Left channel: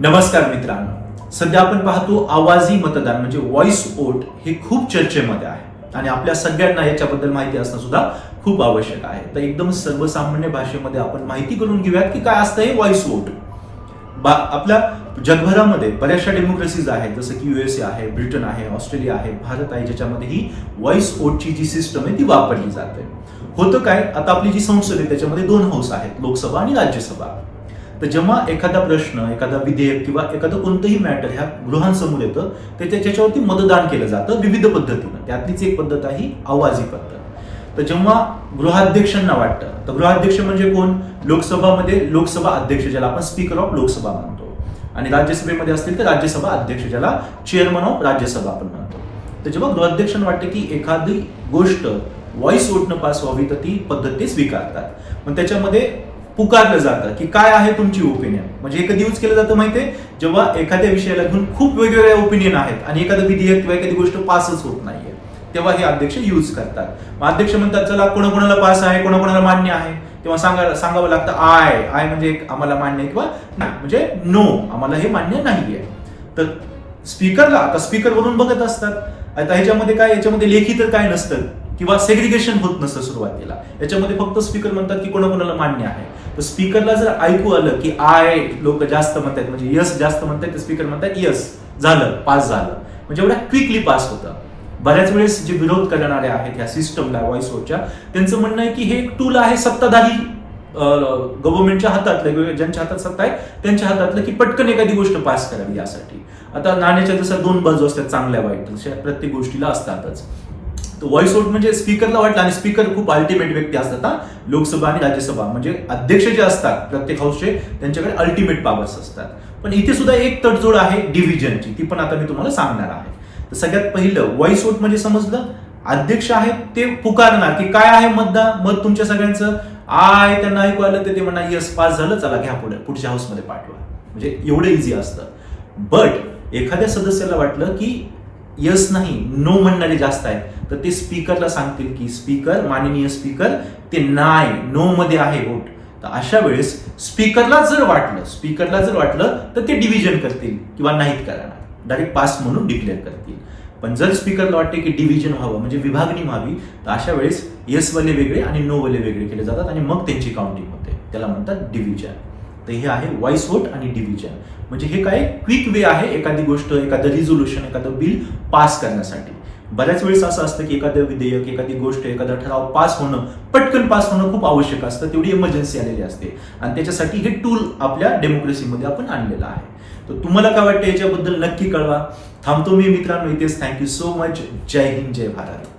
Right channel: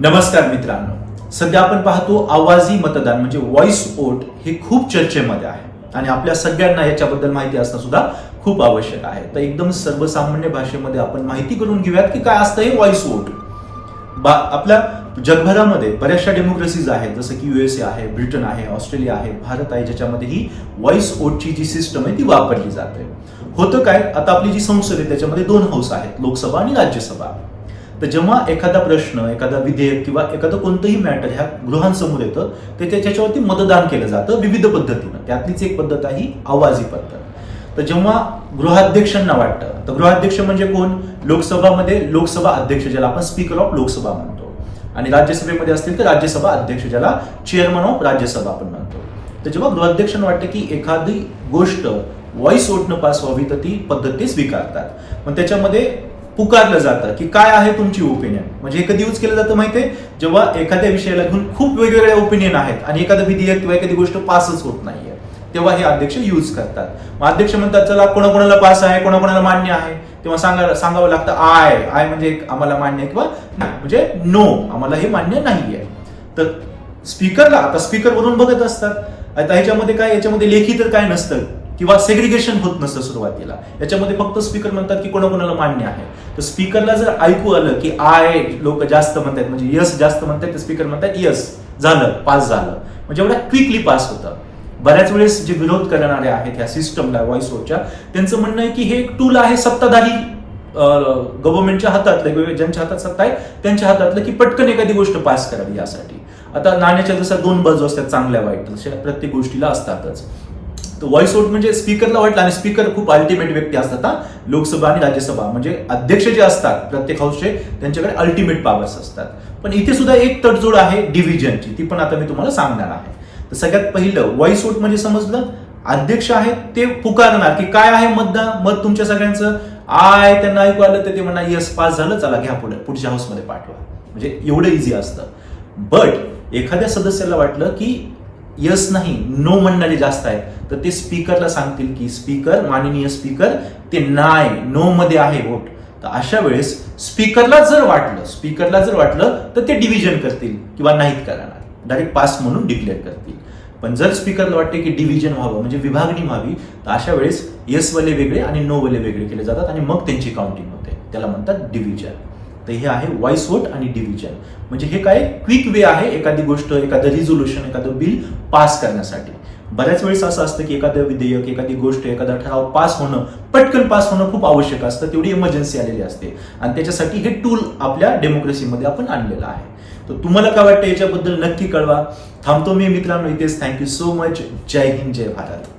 नमस्कार मित्रांनो. सध्या आपण पाहतो आवाजी मतदान म्हणजे व्हॉइस वोट हे खूप चर्चेमध्ये आहे. आणि आपल्या सगळ्यांना याच्याबद्दल माहिती असणं सुद्धा खूप आवश्यक आहे. तर एकदम सर्वसामान्य भाषेमध्ये आपण माहिती करून घेऊयात की काय असतं हे व्हॉइस वोट बा आपल्या जगभरामध्ये बऱ्याचशा डेमोक्रेसीज आहेत जसं की युएसए आहे ब्रिटन आहे ऑस्ट्रेलिया आहे भारत आहे ज्याच्यामध्ये ही व्हॉइस वोटची जी सिस्टम आहे ती वापरली जाते. होतं काय? आता आपली जी संसद आहे त्याच्यामध्ये दोन हाऊस आहेत लोकसभा आणि राज्यसभा. तर जेव्हा एखादा प्रश्न एखादा विधेयक किंवा एखादं कोणतंही मॅटर ह्या गृहांसमोर येतं ते त्याच्यावरती मतदान केलं जातं विविध पद्धतीनं. त्यातलीच एक पद्धत आहे आवाजी पद्धत. तर जेव्हा गृहाध्यक्षांना वाटतं तर गृहाध्यक्ष म्हणजे कोण? लोकसभामध्ये लोकसभा अध्यक्ष ज्याला आपण स्पीकर ऑफ लोकसभा म्हणतो. आणि राज्यसभेमध्ये असतील तर राज्यसभा अध्यक्ष ज्याला चेअरमन ऑफ राज्यसभा आपण म्हणतो. तर जेव्हा गृहाध्यक्षांना वाटतं की एखादी गोष्ट व्हॉइस वोटनं पास व्हावी तर ती पद्धत ते स्वीकारतात. पण त्याच्यामध्ये पुकारलं जातं की काय आहे तुमची ओपिनियन म्हणजे एखादी कधी यूज केलं जातं माहितीये? जेव्हा एखाद्या विषयाला घेऊन खूप वेगवेगळ्या ओपिनियन आहेत आणि एखादं विधेयक किंवा एखादी गोष्ट पासच होत नाहीये तेव्हा हे अध्यक्ष यूज करतात. मग अध्यक्ष म्हणतात चला कोणाकोणाला पास आहे कोणाकोणाला मान्य आहे? तेव्हा सांगा सांगावं लागतं आय आय म्हणजे आम्हाला मान्य आहे किंवा म्हणजे नो आम्हाला हे मान्य नाहीये. तर स्पीकरला आता स्पीकर वरून बघत असतात. आता ह्याच्यामध्ये काय याच्यामध्ये लेखी तर काय नसतं. किंवा सेग्रिगेशन होत नसतं सुरुवातीला. याच्यामध्ये फक्त स्पीकर म्हणतात की कोणाकोणाला मान्य आहे. तर स्पीकरला जर ऐकू आलं की आय लोक जास्त म्हणतात म्हणजे यस जास्त म्हणतात तर स्पीकर म्हणतात यस झालं पास झालं. म्हणजे एवढ्या क्विकली पास होतं. बऱ्याच वेळेस जे विरोध करणारे आहेत ह्या सिस्टमला व्हॉइस वोटच्या त्यांचं म्हणणं आहे की हे एक टूल आहे सत्ताधारी गव्हर्नमेंटच्या हातातलं किंवा ज्यांच्या हातात सत्ता आहे त्यांच्या हातातलं की पटकन एखादी गोष्ट पास करावी यासाठी. आता नाण्याच्या जसं दोन बाजू असतात चांगल्या वाईट तशा प्रत्येक गोष्टीला असतातच. व्हॉइस आउट म्हणजे स्पीकरला वाटलं आणि स्पीकर खूप अल्टिमेट व्यक्ती असतात हा? लोकसभा आणि राज्यसभा. म्हणजे अध्यक्ष जे असतात प्रत्येक हाऊसचे त्यांच्याकडे अल्टिमेट पॉवर्स असतात. पण इथे सुद्धा एक तडजोड आहे डिव्हिजनची ती पण आता मी तुम्हाला सांगणार आहे. तर सगळ्यात पहिलं व्हॉइस आउट म्हणजे समजलं? अध्यक्ष आहेत ते पुकारणार. की काय आहे मतदान? मत तुमच्या सगळ्यांचं? आय त्यांना ऐकू आलं तर ते म्हणणार यस पास झालं चला घ्या पुढे. पुढच्या हाऊसमध्ये पाठवा. म्हणजे एवढं इझी असतं. बट एखाद्या सदस्याला वाटलं की यस नाही नो म्हणणारे जास्त आहेत. तर ते स्पीकरला सांगतील की स्पीकर माननीय स्पीकर ते नाही नो मध्ये आहे वोट. तर अशा वेळेस स्पीकरला जर वाटलं स्पीकरला जर वाटलं तर ते डिव्हिजन करतील किंवा नाहीत करणार. डायरेक्ट पास म्हणून डिक्लेअर करतील. पण जर स्पीकरला वाटते की डिव्हिजन व्हावं म्हणजे विभागणी व्हावी तर अशा वेळेस यस वाले वेगळे आणि नो वाले वेगळे केले जातात आणि मग त्यांची काउंटिंग होते. त्याला म्हणतात डिव्हिजन. तर हे आहे व्हॉइस वोट आणि डिव्हिजन म्हणजे हे काय क्विक वे आहे एखादी गोष्ट एखादं रिझोल्युशन एखादं बिल पास करण्यासाठी. बऱ्याच वेळेस असं असतं की एखादं विधेयक एखादी गोष्ट एखादा ठराव पास होणं पटकन पास होणं खूप आवश्यक असतं तेवढी इमर्जन्सी आलेली असते. आणि त्याच्यासाठी हे टूल आपल्या डेमोक्रेसीमध्ये आपण आणलेलं आहे. तर तुम्हाला काय वाटतं याच्याबद्दल नक्की कळवा. थांबतो मी मित्रांनो इथेच. थँक्यू सो मच जय हिंद जय भारत.